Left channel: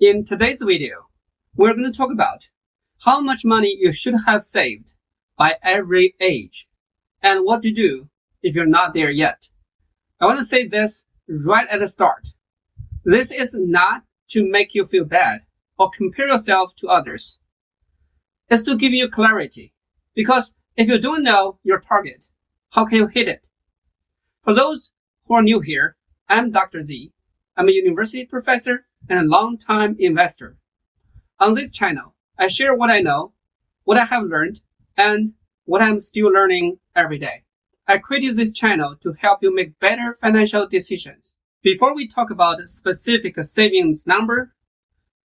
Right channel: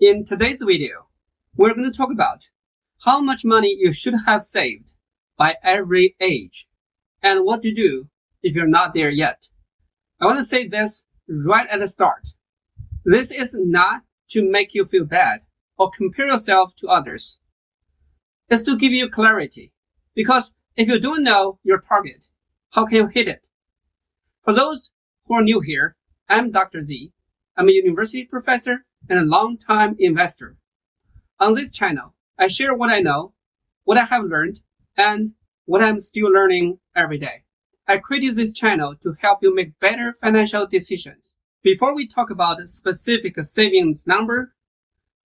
In today's video, we're going to talk about how much money you should have saved by every age and what to do if you're not there yet. I want to say this right at the start. This is not to make you feel bad or compare yourself to others. It's to give you clarity, because if you don't know your target, how can you hit it? For those who are new here, I'm Dr. Z. I'm a university professor and a long-time investor. On this channel, I share what I know, what I have learned, and what I'm still learning every day. I created this channel to help you make better financial decisions. Before we talk about a specific savings number,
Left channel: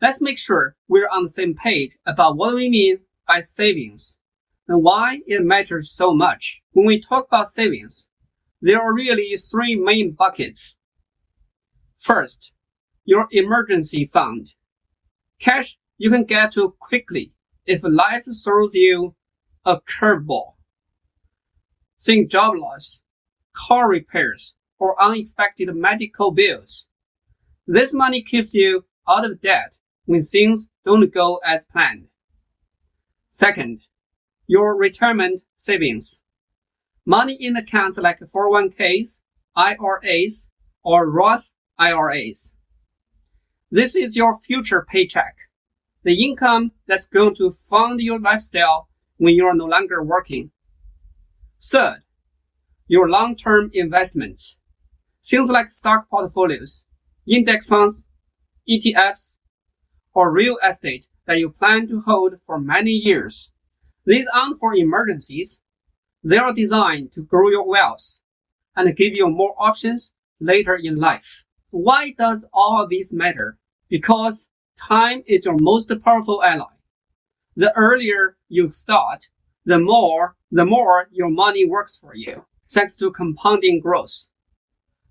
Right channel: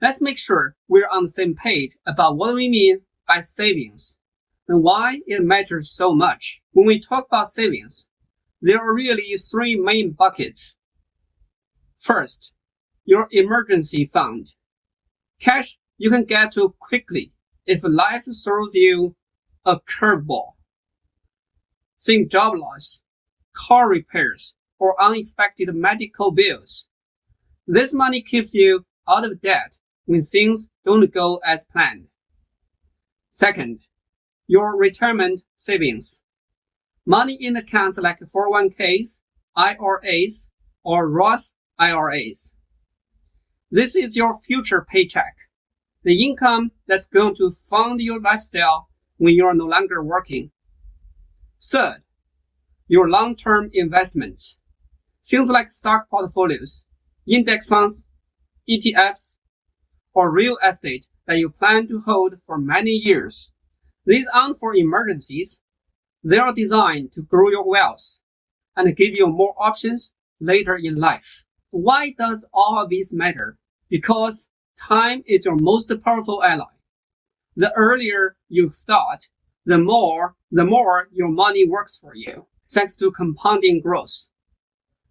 let's make sure we're on the same page about what we mean by savings and why it matters so much. When we talk about savings, there are really three main buckets. First, your emergency fund. Cash you can get to quickly if life throws you a curveball. Think job loss, car repairs, or unexpected medical bills. This money keeps you out of debt when things don't go as planned. Second, your retirement savings. Money in accounts like 401ks, IRAs, or Roth IRAs. This is your future paycheck, the income that's going to fund your lifestyle when you're no longer working. Third, your long-term investments. Things like stock portfolios, index funds, ETFs, or real estate that you plan to hold for many years. These aren't for emergencies. They are designed to grow your wealth and give you more options later in life. Why does all of this matter? Because time is your most powerful ally. The earlier you start, the more your money works for you, thanks to compounding growth.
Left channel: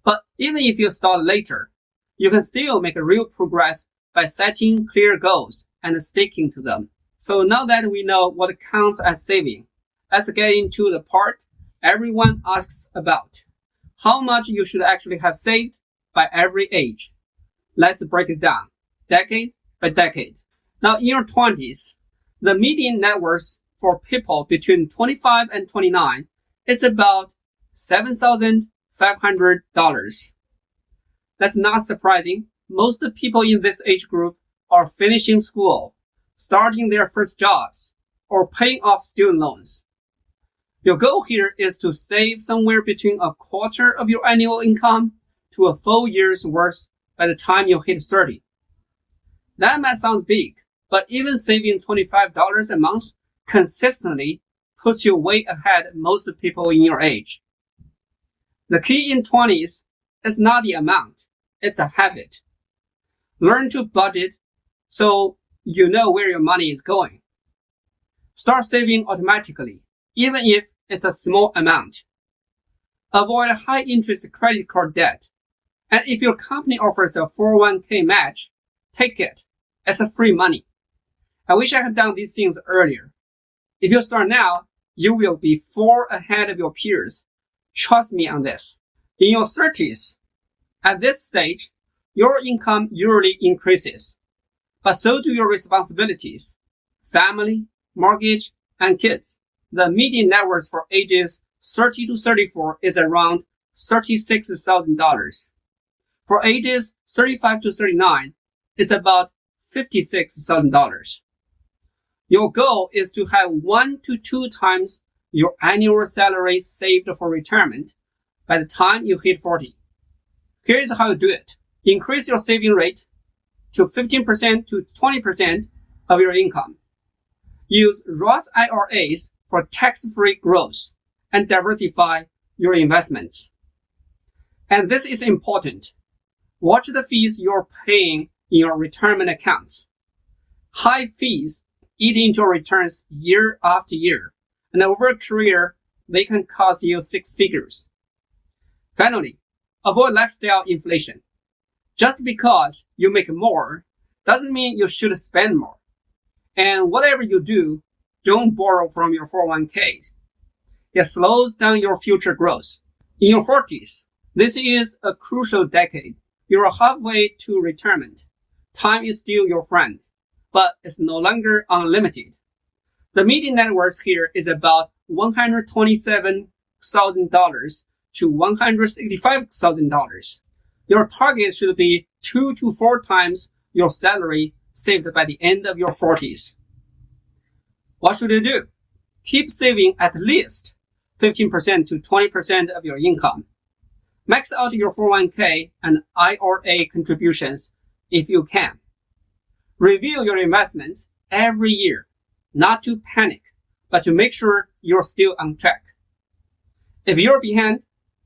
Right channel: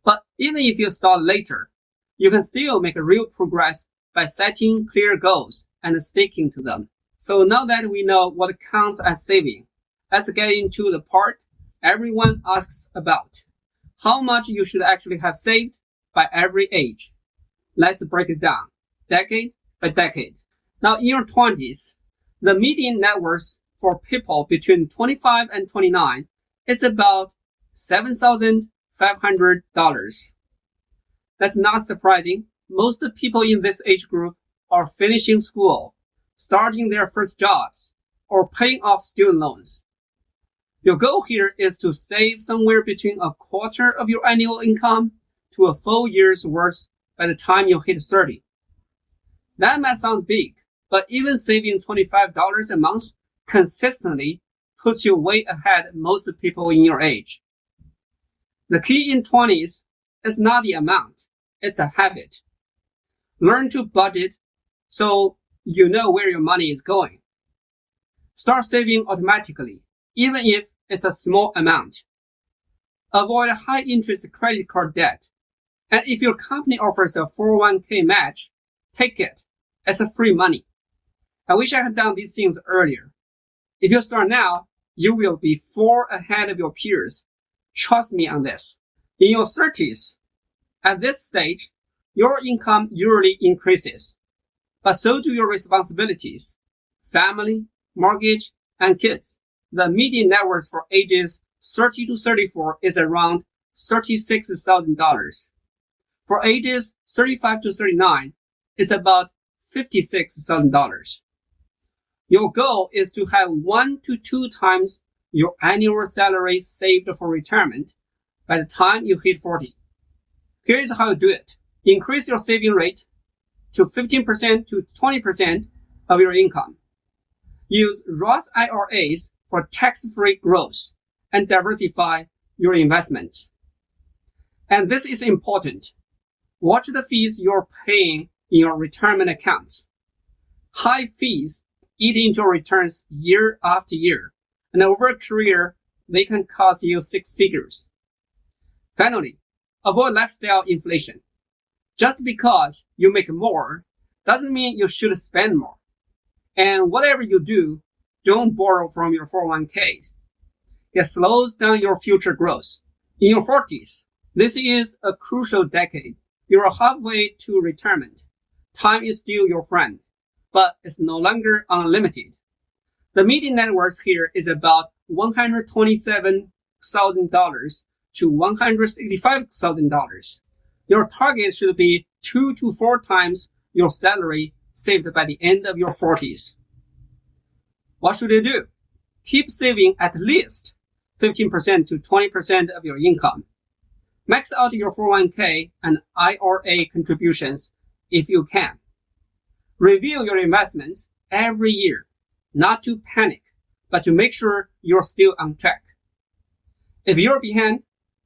But even if you start later, you can still make real progress by setting clear goals and sticking to them. So now that we know what counts as saving, let's get into the part everyone asks about. How much you should actually have saved by every age. Let's break it down, decade by decade. Now in your 20s, the median net worth for people between 25 and 29 is about $7,500. That's not surprising. Most people in this age group are finishing school, starting their first jobs, or paying off student loans. Your goal here is to save somewhere between a quarter of your annual income to a full year's worth by the time you hit 30. That might sound big, but even saving $25 a month consistently puts you way ahead of most people in your age. The key in 20s is not the amount, it's a habit. Learn to budget so you know where your money is going. Start saving automatically, even if it's a small amount. Avoid high-interest credit card debt. And if your company offers a 401k match, take it. It's a free money. I wish I had done these things earlier. If you start now, you will be far ahead of your peers. Trust me on this. In your 30s, at this stage, your income usually increases, but so do your responsibilities, family, mortgage, and kids. The median net worth for ages 30 to 34 is around $36,000. For ages 35 to 39, it's about $56,000. Your goal is to have 1 to 2 times your annual salary saved for retirement by the time you hit 40. Here's how you do it. Increase your saving rate to 15% to 20% of your income. Use Roth IRAs for tax-free growth and diversify your investments. And this is important. Watch the fees you're paying in your retirement accounts. High fees eat into your returns year after year, and over a career, they can cost you 6 figures. Finally, avoid lifestyle inflation. Just because you make more doesn't mean you should spend more. And whatever you do, don't borrow from your 401ks. It slows down your future growth. In your 40s, this is a crucial decade. You're halfway to retirement. time is still your friend, but it's no longer unlimited. The median net worth here is about $127,000 to $165,000. Your target should be 2 to 4 times your salary saved by the end of your 40s. What should you do? Keep saving at least 15% to 20% of your income. Max out your 401k and IRA contributions if you can. Review your investments every year, not to panic, but to make sure you're still on track. If you're behind,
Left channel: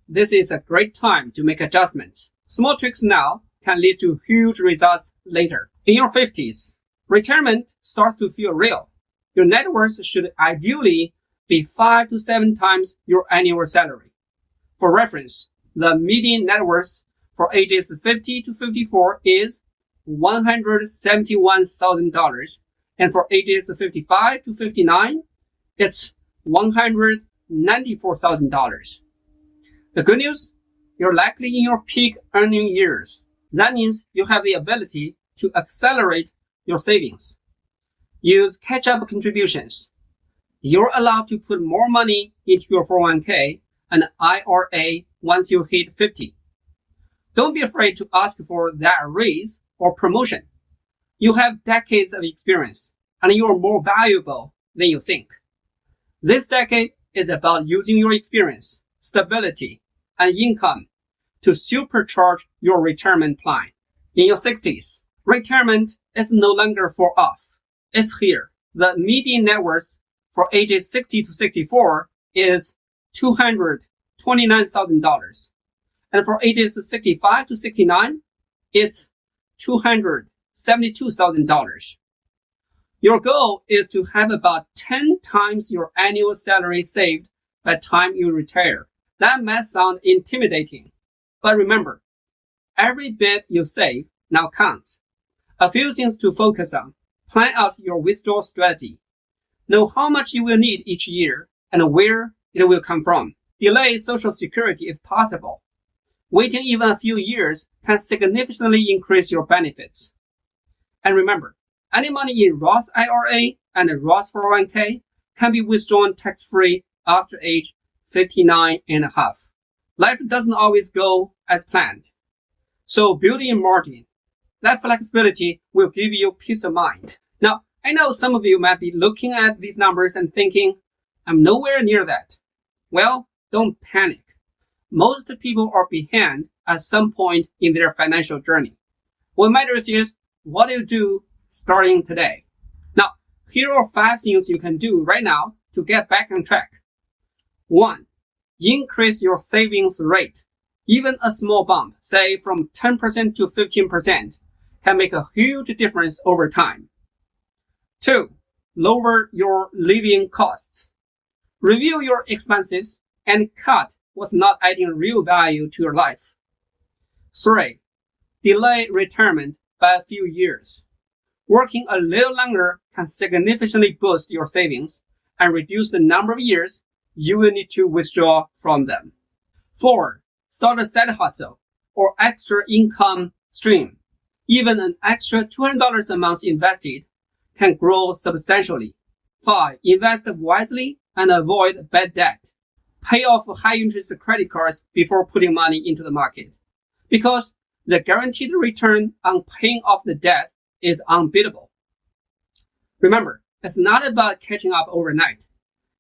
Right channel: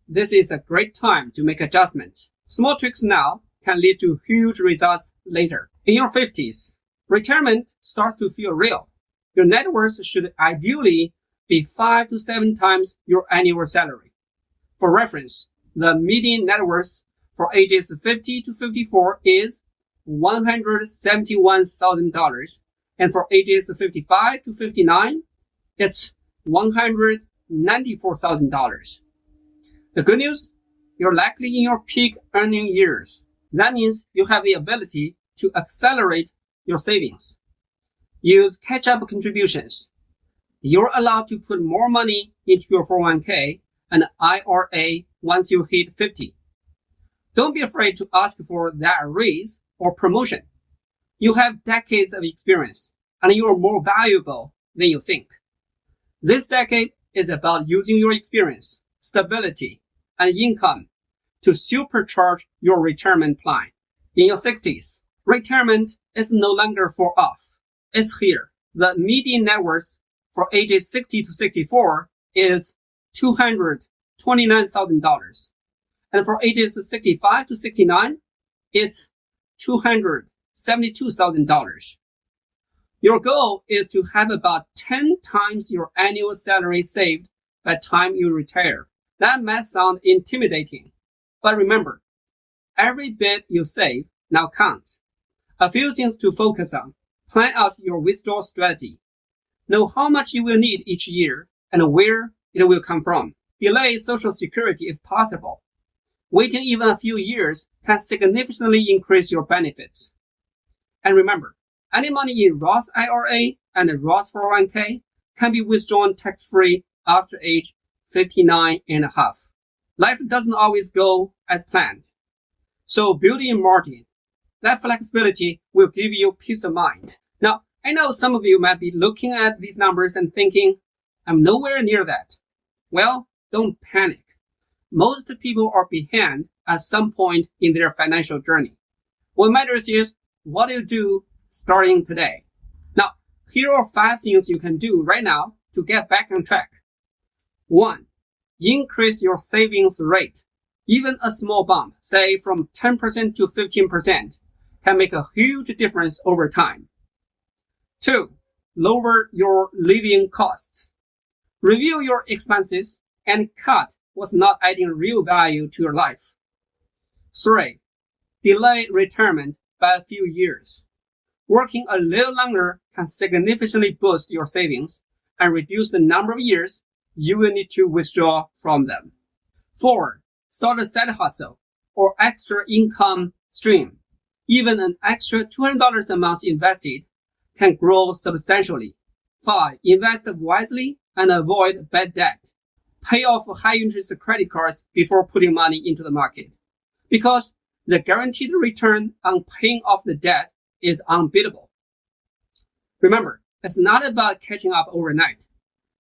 this is a great time to make adjustments. Small tweaks now can lead to huge results later. In your 50s, retirement starts to feel real. Your net worth should ideally be 5 to 7 times your annual salary. For reference, the median net worth for ages 50 to 54 is $171,000, and for ages 55 to 59, it's $194,000. The good news, you're likely in your peak earning years. That means you have the ability to accelerate your savings. Use catch-up contributions. You're allowed to put more money into your 401k and IRA once you hit 50. Don't be afraid to ask for that raise or promotion. You have decades of experience, and you are more valuable than you think. This decade is about using your experience, stability, and income to supercharge your retirement plan. In your 60s, retirement is no longer far off. It's here. The median net worth for ages 60 to 64 is $229,000. And for ages 65 to 69, it's $272,000. Your goal is to have about 10 times your annual salary saved by the time you retire. That might sound intimidating, but remember, every bit you save now counts. A few things to focus on. Plan out your withdrawal strategy. Know how much you will need each year and where it will come from. Delay Social Security if possible. Waiting even a few years can significantly increase your benefits. And remember, any money in Roth IRA and Roth 401k can be withdrawn tax-free after age 59 and a half. Life doesn't always go as planned. So build in margin. That flexibility will give you peace of mind. Now, I know some of you might be looking at these numbers and thinking, I'm nowhere near that. Well, don't panic. Most people are behind at some point in their financial journey. What matters is what you do starting today. Now, here are 5 things you can do right now to get back on track. 1. Increase your savings rate. Even a small bump, say from 10% to 15%, can make a huge difference over time. 2. Lower your living costs. Review your expenses and cut what's not adding real value to your life. 3. Delay retirement by a few years. Working a little longer can significantly boost your savings and reduce the number of years you will need to withdraw from them. 4. Start a side hustle or extra income stream. Even an extra $200 a month invested can grow substantially. 5. Invest wisely and avoid bad debt. Pay off high-interest credit cards before putting money into the market, because the guaranteed return on paying off the debt is unbeatable. Remember, it's not about catching up overnight.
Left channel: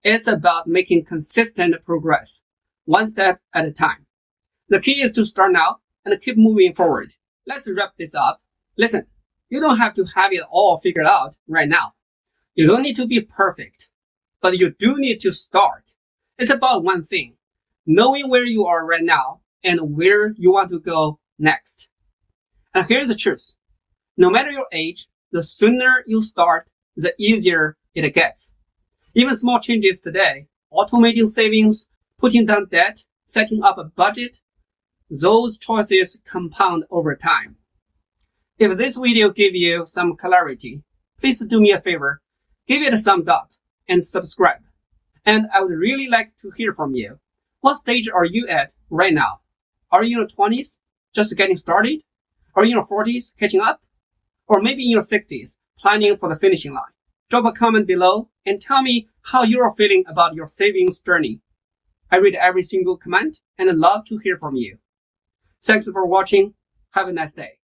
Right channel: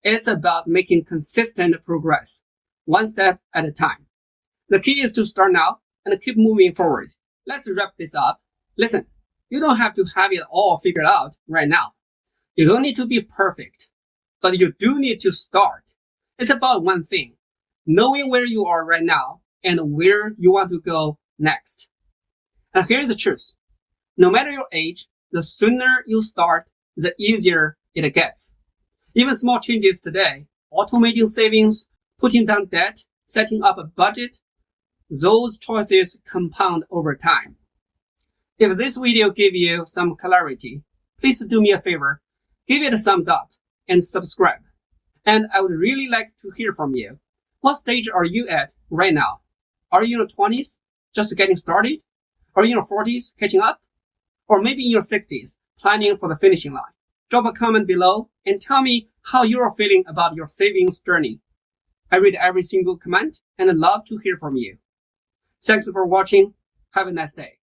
It's about making consistent progress, one step at a time. The key is to start now and keep moving forward. Let's wrap this up. Listen, you don't have to have it all figured out right now. You don't need to be perfect, but you do need to start. It's about one thing, knowing where you are right now and where you want to go next. And here's the truth. No matter your age, the sooner you start, the easier it gets. Even small changes today, automating savings, putting down debt, setting up a budget, those choices compound over time. If this video gave you some clarity, please do me a favor, give it a thumbs up and subscribe. And I would really like to hear from you. What stage are you at right now? Are you in your 20s, just getting started? Are you in your 40s, catching up? or maybe in your 60s, planning for the finishing line. Drop a comment below and tell me how you're feeling about your savings journey. I read every single comment and I'd love to hear from you. Thanks for watching. Have a nice day.